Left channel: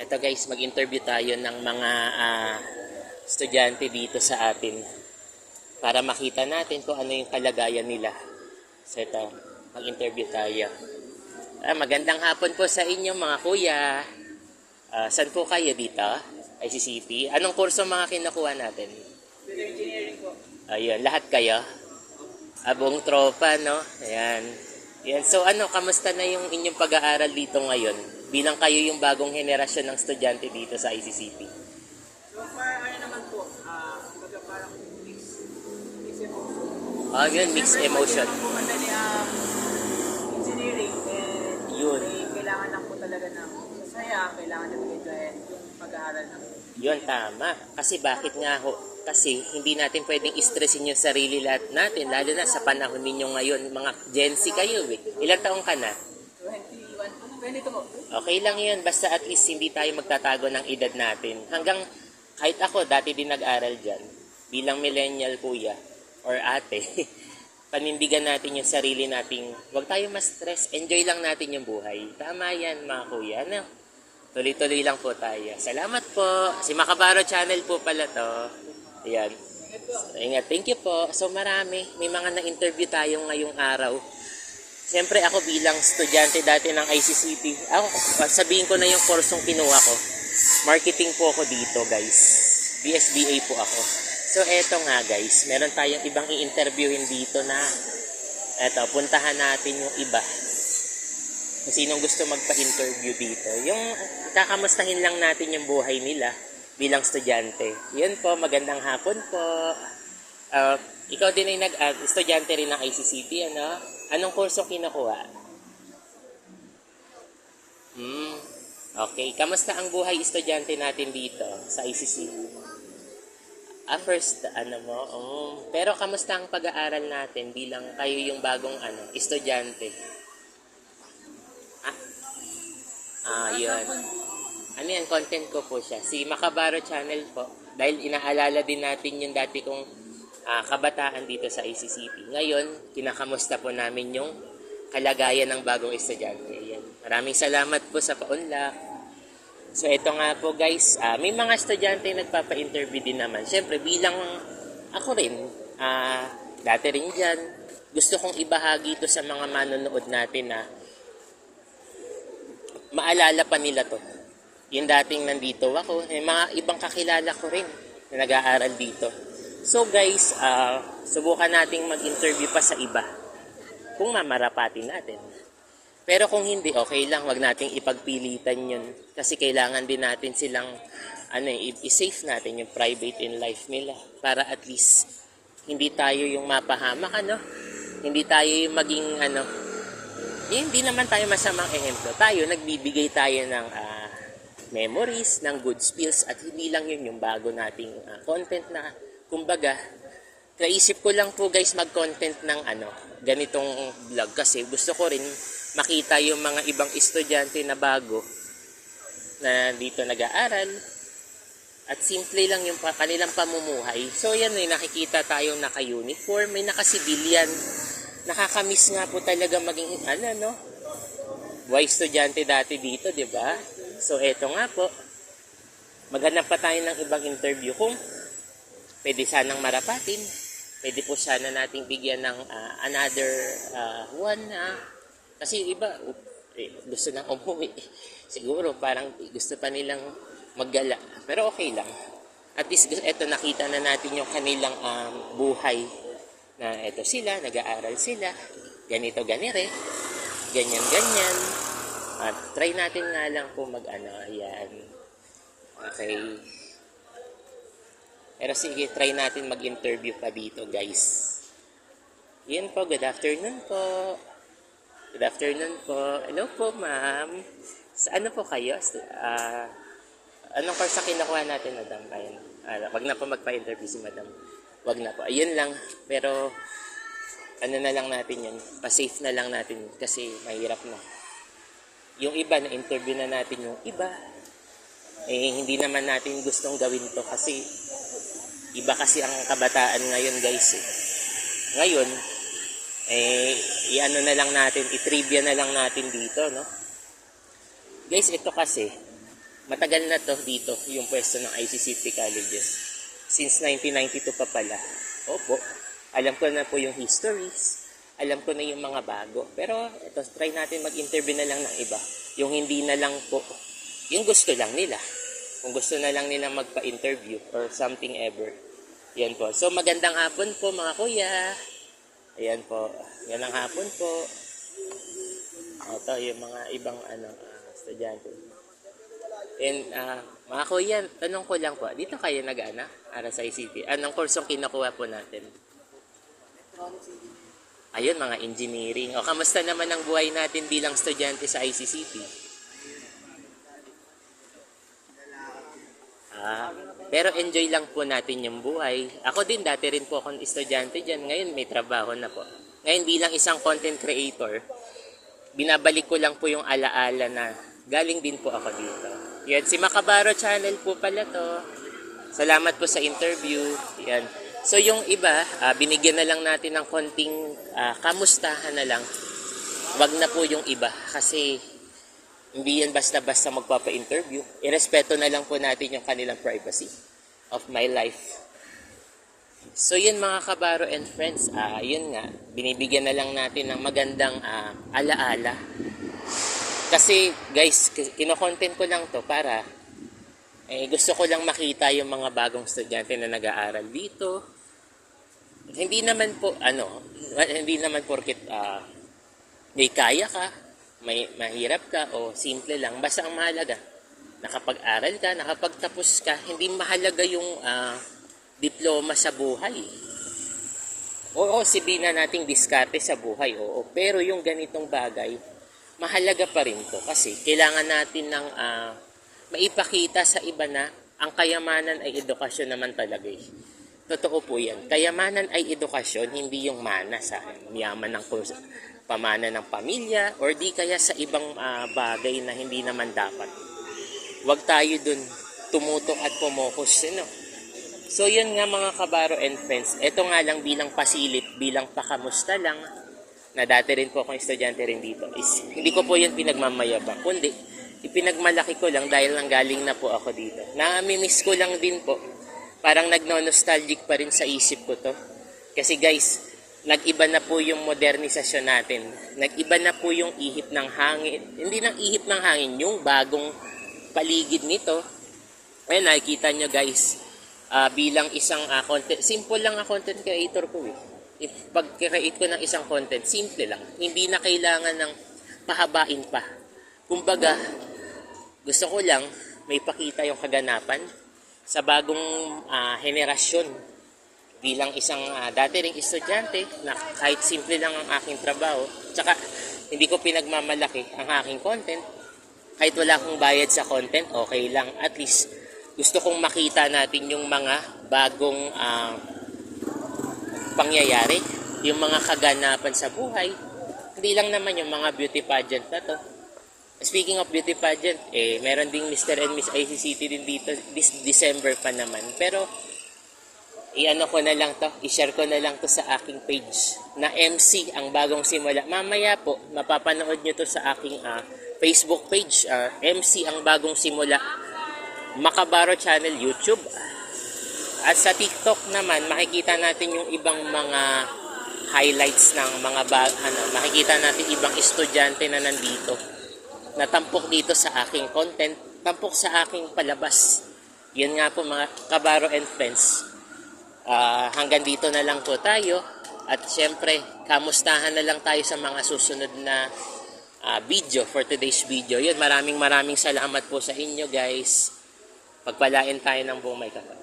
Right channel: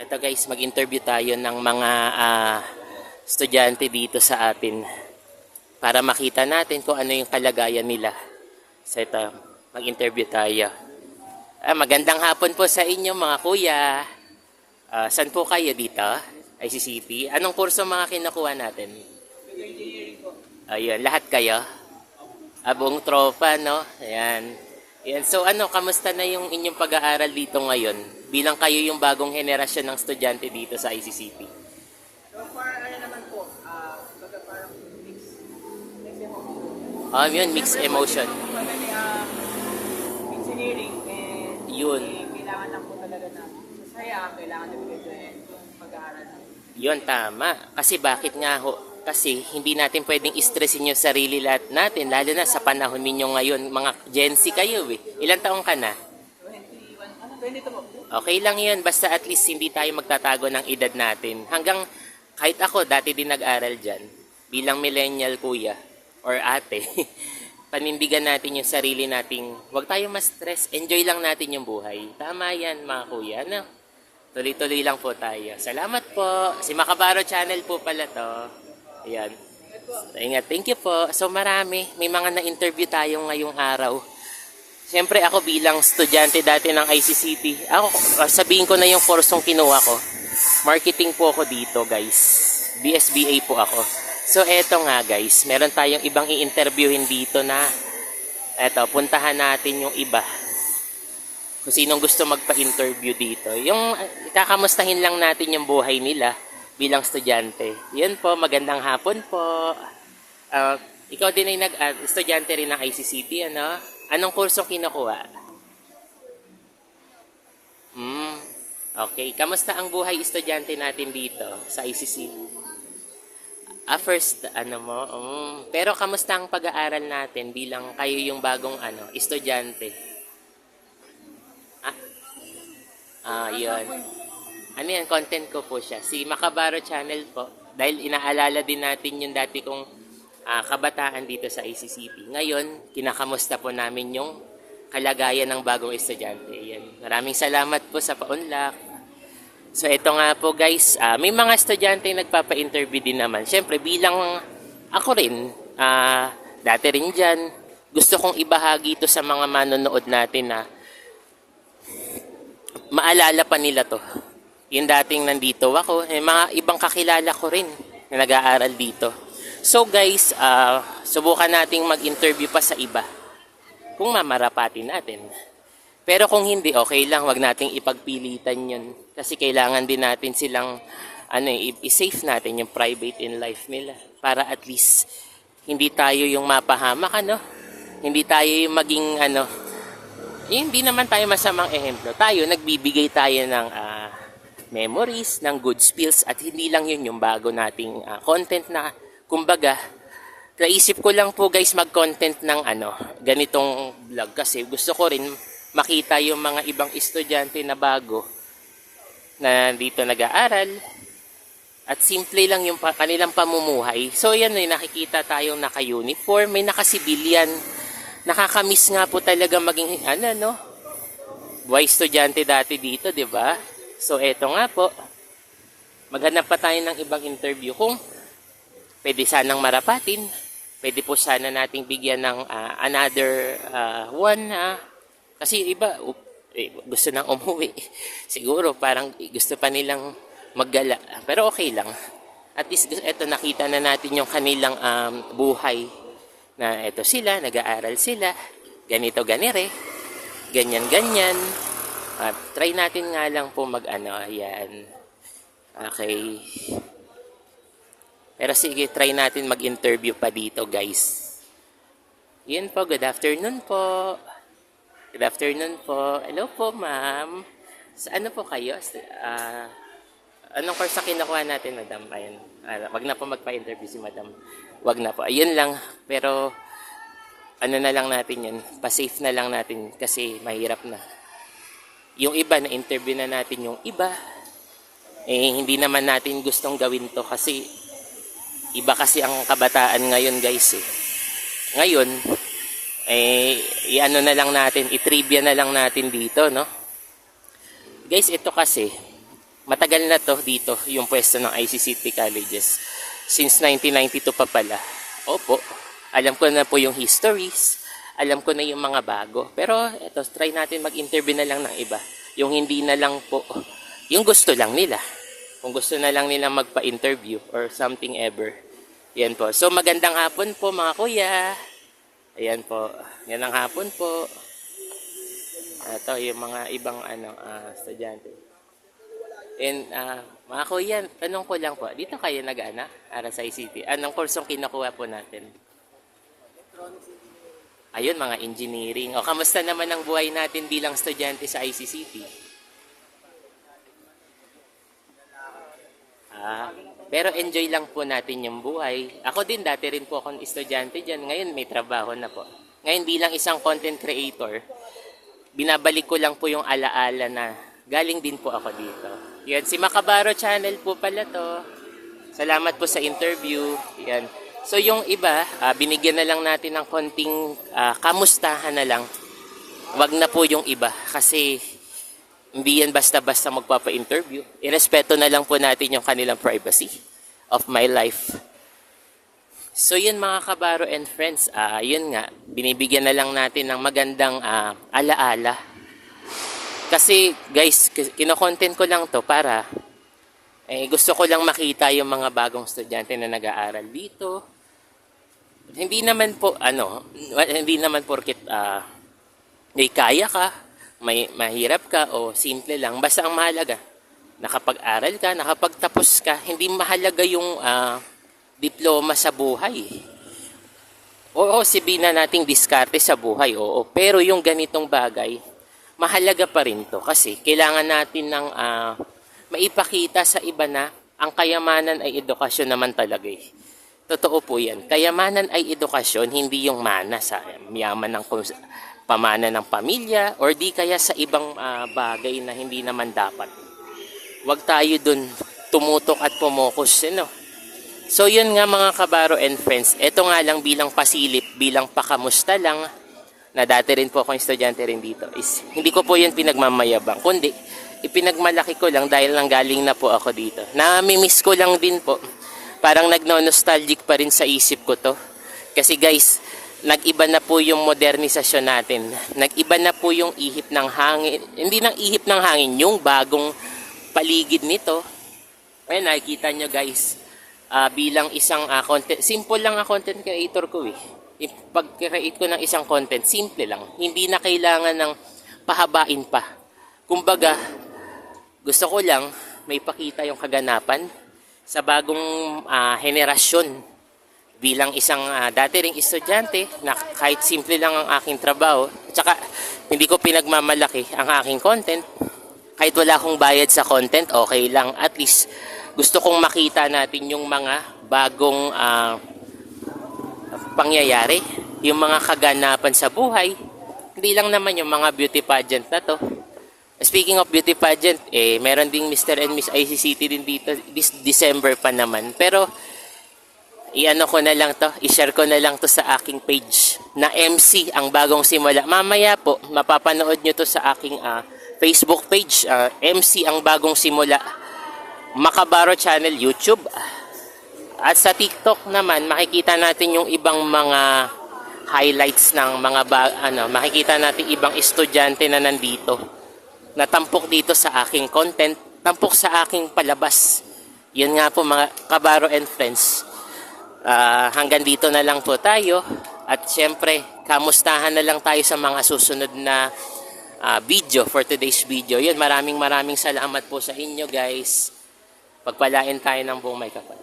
Ito guys, mag-interview tayo ng mga estudyante dito sa atin para makita natin kung ano yung kalagayan nila. So ito, mag-interview tayo. Magandang hapon po sa inyo mga kuya. Saan po kayo dito? ICCP. Anong kurso mga kinukuha natin? Civil engineering po. Ayun, lahat kayo? Buong tropa, no? Ayan. Ayan. So kamusta na yung inyong pag-aaral dito ngayon? Bilang kayo yung bagong henerasyon ng estudyante dito sa ICCP. So far, naman po, baga parang mix emotion. Yun, mixed emotion. Siyempre po, madali engineering Yun. kailangan lang po talaga ng masaya, kailangan na mag-enjoy yung pag-aaral ng Yun, tama. Kasi bakit nga ho? Kasi hindi natin pwedeng stressin yung sarili natin, lalo na sa panahon ninyo ngayon. Mga Gen Z kayo eh. Ilang taong ka na? 22 po. Okay lang yun, basta at least hindi tayo magtatago ng edad natin. Hanggang, kahit ako, dati din nag-aral dyan, bilang millennial kuya, or ate, panindigan natin yung sarili nating, huwag tayo ma-stress, enjoy lang natin yung buhay. Tama yan mga kuya, no? Tuloy-tuloy lang po tayo. Salamat po. Si Makabaro Channel po pala to. Ayan. Ingat. Thank you po. So marami. May mga na-interview tayo ngayong araw. Siyempre ako bilang estudyante dati ng ICCP, sabihin ko na yung kursong kinuha ko. Marketing po ako dito guys. BSBA po ako. So eto nga guys, meron tayong ibang i-interviewin dito na puntahan natin yung iba. Kung sinong gusto magpa-interview dito. Yung kakamustahin lang natin yung buhay nila bilang estudyante. Yun po, magandang hapon po. Ikaw din ay estudyante rin ng ICCP, ano? Anong kurso kinukuha? Okay. Kamusta ang buhay estudyante natin dito sa ICCP? First, pero kamusta ang pag-aaral natin bilang kayo yung bagong estudyante? Yun. Ano yan, content ko po siya. Si Makabaro Channel po. Dahil inaalala din natin yung dati kong kabataan dito sa ICCP. Ngayon, kinakamusta po namin yung kalagayan ng bagong estudyante. Yan. Maraming salamat po sa paunlak. So, ito nga po guys, may mga estudyante nagpapa-interview din naman. Siyempre, bilang ako rin, dati rin dyan, gusto kong ibahagi ito sa mga manonood natin na maalala pa nila to. Yung dating nandito ako, mga ibang kakilala ko rin na nag-aaral dito. So guys, subukan nating mag-interview pa sa iba kung mamarapatin natin. Pero kung hindi, okay lang, wag nating ipagpilitan yun. Kasi kailangan din natin silang i-safe natin yung private in life nila para at least hindi tayo yung mapahamak, hindi tayo yung maging hindi naman tayo masamang ehemplo. Tayo, nagbibigay tayo ng memories, ng good spills, at hindi lang yun yung bago nating content na, kumbaga, naisip ko lang po guys mag-content ng ganitong vlog kasi gusto ko rin makita yung mga ibang estudyante na bago na dito nag-aaral at simple lang yung kanilang pamumuhay. So yan, nakikita tayong naka-uniform, may naka-civilian. Nakakamiss nga po talaga maging buhay estudyante dati dito, di ba? So eto nga po, maghanap pa tayo ng ibang interview kung pwede sanang marapatin. Pwede po sana nating bigyan ng another one kasi iba gusto nang umuwi. Siguro parang gusto pa nilang maggala. Pero okay lang. At least eto, nakita na natin yung kanilang buhay. Na eto sila, nag-aaral sila. Ganito, ganire. Ganyan, ganyan. Try natin nga lang po ayan. Okay. Pero sige, try natin mag-interview pa dito, guys. Yan po, good afternoon po. Good afternoon po. Hello po, ma'am. Sa ano po kayo? Anong course na kinukuha natin, madam? Ayan. Wag na po magpa-interview si madam. Wag na po. Ayun lang. Pero, na lang natin yan. Pa-safe na lang natin kasi mahirap na. Yung iba, na-interview na natin yung iba. Hindi naman natin gustong gawin to kasi iba kasi ang kabataan ngayon, guys. Ngayon, na lang natin, i-trivia na lang natin dito, no? Guys, ito kasi, Matagal na to dito, yung pwesto ng ICCT Colleges. Since 1992 pa pala. Opo, alam ko na po yung histories, alam ko na yung mga bago. Pero eto, try natin mag-interview na lang ng iba. Yung hindi na lang po, yung gusto lang nila. Kung gusto na lang nila magpa-interview or something ever. Yan po. So magandang hapon po mga kuya. Ayan po. Yan ang hapon po. Ito yung mga ibang estudyante. And mga kuya, tanong ko lang po, dito kayo para sa ICT. Anong kursong kinukuha po natin? Ayun, mga engineering. O, kamusta naman ang buhay natin bilang estudyante sa ICCT? Pero enjoy lang po natin yung buhay. Ako din, dati rin po akong estudyante dyan. Ngayon, may trabaho na po. Ngayon, bilang isang content creator, binabalik ko lang po yung alaala na galing din po ako dito. Yan, si Macabaro Channel po pala to. Salamat po sa interview. Yan. So yung iba, binigyan na lang natin ng konting kamustahan na lang. Wag na po yung iba kasi hindi yan basta-basta magpapa-interview. Irespeto na lang po natin yung kanilang privacy of my life. So yun mga kabaro and friends, yun nga, binibigyan na lang natin ng magandang alaala. Kasi guys, kino-content ko lang to para gusto ko lang makita yung mga bagong estudyante na nag-aaral dito. Hindi naman po hindi naman porket may kaya ka, may mahirap ka o simple lang, basta ang mahalaga nakapag-aral ka, nakapagtapos ka. Hindi mahalaga yung diploma sa buhay. Oo, sabihin na nating diskarte sa buhay, oo, pero yung ganitong bagay mahalaga pa rin to kasi kailangan natin ng maipakita sa iba na ang kayamanan ay edukasyon naman talaga eh. Totoo po yan. Kayamanan ay edukasyon, hindi yung mana sa yaman ng pamana ng pamilya or di kaya sa ibang bagay na hindi naman dapat. Huwag tayo dun tumutok at pumokus. So yun nga mga kabaro and friends, eto nga lang bilang pasilip, bilang pakamusta lang, na dati rin po akong estudyante rin dito, is hindi ko po yun pinagmamayabang, kundi ipinagmalaki ko lang dahil lang galing na po ako dito. Nami-miss ko lang din po. Parang nagno-nostalgic pa rin sa isip ko to. Kasi guys, nag-iba na po yung modernisasyon natin. Nag-iba na po yung ihip ng hangin. Hindi ng ihip ng hangin, yung bagong paligid nito. Ayun, nakikita nyo guys, bilang isang simple lang ang content creator ko eh. Pag-create ko ng isang content, simple lang. Hindi na kailangan ng pahabain pa. Kumbaga, gusto ko lang may pakita yung kaganapan sa bagong henerasyon. Bilang isang dati ring estudyante na kahit simple lang ang aking trabaho, at saka hindi ko pinagmamalaki ang aking content. Kahit wala akong bayad sa content, okay lang. At least, gusto kong makita natin yung mga bagong pangyayari, yung mga kaganapan sa buhay. Hindi lang naman yung mga beauty pageant na to. Speaking of beauty pageant, meron ding Mr. and Miss ICCT din dito this December pa naman. Pero i-share ko na lang to sa aking page na MC ang bagong simula. Mamaya po mapapanood nyo to sa aking Facebook page, MC ang bagong simula, Macabaro Channel YouTube. At sa TikTok naman, makikita natin yung ibang mga highlights ng mga makikita natin ibang estudyante na nandito. Natampok dito sa aking content, tampok sa aking palabas. Yan nga po mga kabaro and friends. Hanggang dito na lang po tayo. At syempre, kamustahan na lang tayo sa mga susunod na video for today's video. Yun, maraming salamat po sa inyo guys. Pagpalain tayo ng buong may kapal.